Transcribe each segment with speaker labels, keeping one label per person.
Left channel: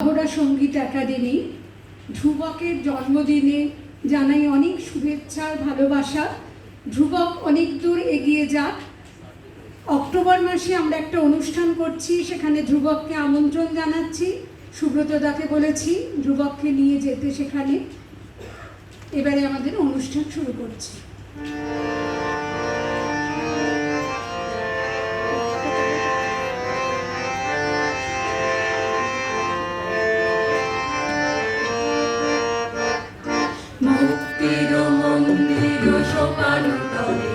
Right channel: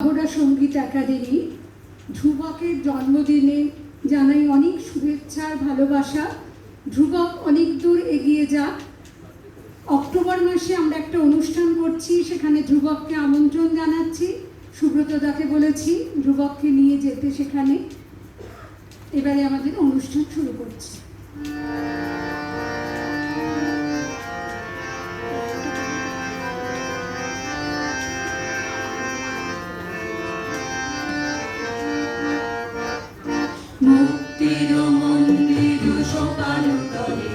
Speaker 1: অহরা সংগীত একাডেমি ধ্রুবকের জন্মদিনে জানাই অনেক শুভেচ্ছা, ভালোবাসা। ধ্রুবক অনেক দূর এগিয়ে যাক। অক্টোবর মাসে আমরা একটা অনুষ্ঠান করছি, সেখানে ধ্রুবককে আমন্ত্রণ জানাচ্ছি। সুব্রতদাকে বলেছি, ধ্রুবককে নিয়ে যেতে সেখানে। এবারে আমাদের অনুষ্ঠান শুরু করছি।
Speaker 2: মুক্তির মন্দির সোপান তলে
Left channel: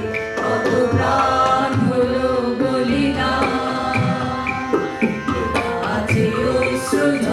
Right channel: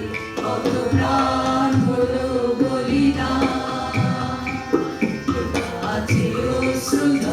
Speaker 2: অবদান হলো বলিদান। আছে অশ্রুধ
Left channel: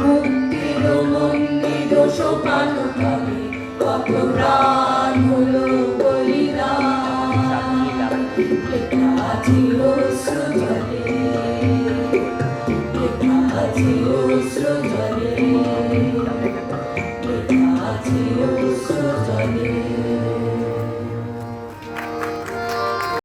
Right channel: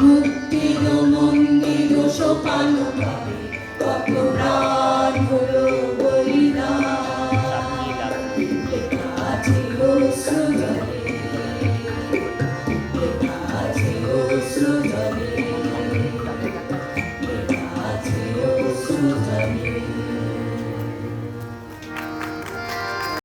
Speaker 2: মুক্তির মন্দির সোপান পাবে অপরাধ হলো Thank you.